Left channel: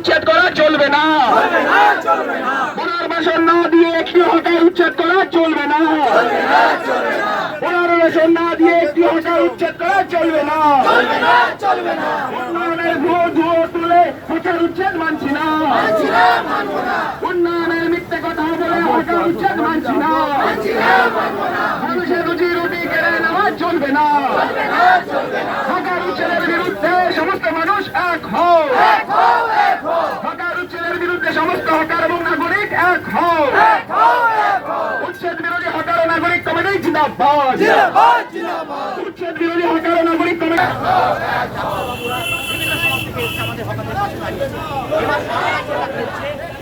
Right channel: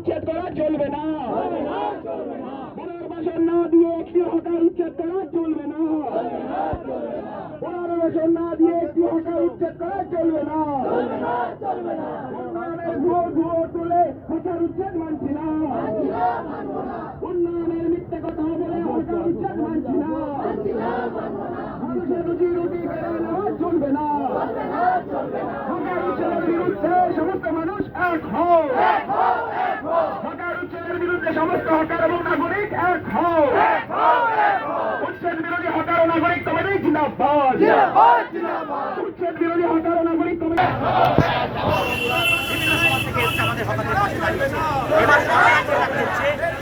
উচ্ছেদ করা চলবে না। পুনর্বাসন না দিয়ে একটি হকার উচ্ছেদ করা চলবে না। পুনর্বাসন না দিয়ে একটি হকার উচ্ছেদ করা চলবে না। উন্নয়নের ধুয়ো তুলে হকার উচ্ছেদ মানছি না। উন্নয়নের মিথ্যে কথা বলে হকার উচ্ছেদ মানছি না। মানুষের রুজি রুটি কেড়ে নেওয়া চলবে না। হকার উচ্ছেদের বিরুদ্ধে সমস্ত মানুষ এক হও। হকার উচ্ছেদের বিরুদ্ধে সমস্ত হকার এবং নাগরিক এক হও। উচ্ছেদ বিরোধী হকার ও নাগরিক কমিটি জিন্দাবাদ। উচ্ছেদ বিরোধী হকার ও নাগরিক কমিটি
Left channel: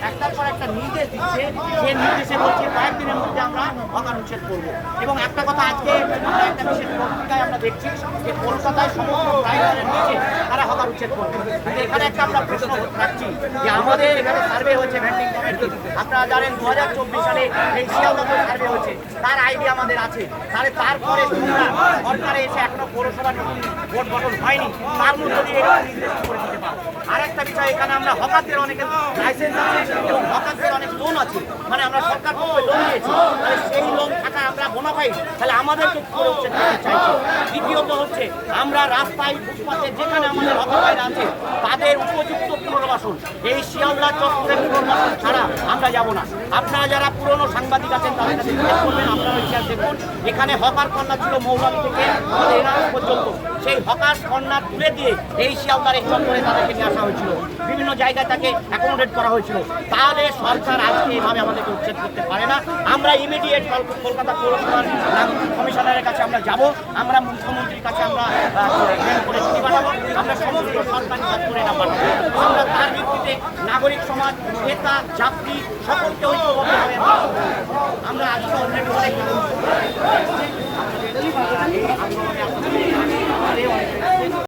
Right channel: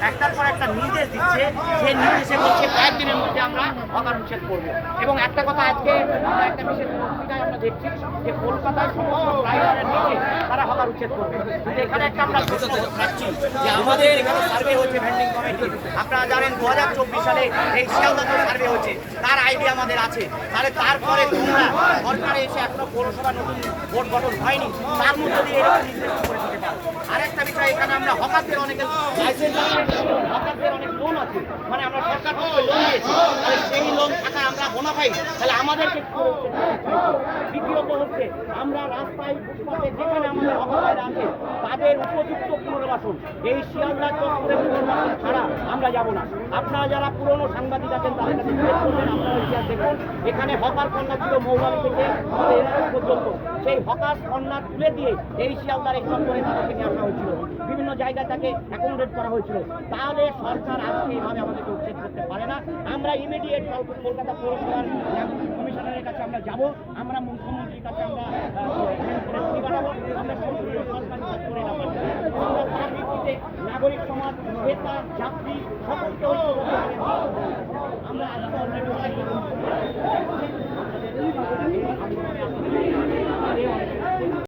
একটার পর একটা নির্দেশ দিচ্ছে, যে নির্দেশে বলছে কয়েকদিনের মধ্যে আমরা হকার উচ্ছেদ করবো। এবং একটা কথা আজকে আমরা একটা বিশেষ পত্রিকায় আমরা দেখছি যে কলকাতায় সমস্ত ড্রাইভারের নিচে তারা হকার উচ্ছেদ করবে। কিন্তু এখানে একটা আমরা প্রশ্ন রাখছি যে আমাদের এখানে সার্ভে হয়েছে ভেন্ডিং কমিটি, আপনারা জানেন 2024 সালে এই শিয়ালদাতে সার্ভে হয়েছে, তার আইডি আমাদের আছে। তাহলে তারপরে তোমরা সরকারে এসে এখনো পৌরসভা নতুন ভোট গঠন হয়নি, তার মধ্যে দিয়ে করে দিতে পারো। আরেকটা বিষয়, এখানে আমরা হকারদের অনেকের লাইসেন্স আছে এবং হকারদের অনেক লোন আছে, মানে আমরা সরকার থেকে লোন নিয়েছি, তাহলে সেই লোন থাকা আমরা বোনাফাইড, তাহলে আমাদেরকে কি করে উচ্ছেদ করতে চাইছি। দ্বিতীয়ত হচ্ছে আমরা রাস্তায় ফুটপাতে যেখানে আমাদের হকার ভাইরা আছে তাদের উপযুক্ত পুনর্বাসন, এই শিয়ালদা চত্বরে পুনর্বাসন ছাড়া আমরা যাব না। আপনারা যারা পুরনো সাংবাদিক আছেন তাদের কাছে জিজ্ঞেস করবেন, আপনারা ইতিহাস দেখুন, এখানে হকার কন্যা ছিল মৌলালি থেকে আমাদের এনারস পর্যন্ত, সেই হকার কন্যা তুলে দিয়ে এই শিয়ালদার এই চত্বরে তাদেরকে নিয়ে আসা হয়েছিল, বিভিন্ন জায়গায় তাকে অ্যাকোমোডেট করা হয়েছিল। তাহলে সরকার আজকে এভাবে আমাদেরকে উচ্ছেদ করতে পারে না। আমরা ইমিডিয়েট কলকাতা পৌরসভার কমিশনারের কাছে আমরা যাব, আমরা মুখ্যমন্ত্রীর কাছে আমরা করে চিঠি পাঠাবো, আমরা সমস্ত সরকারি দপ্তরে না পাঠাবো। আমরা তার ভিত্তিতে নাগরিক সমাজ, নেতা, যাত্রী সকলকে ঐক্যবদ্ধ হয়ে আমরা আজকে অলরেডি অনেক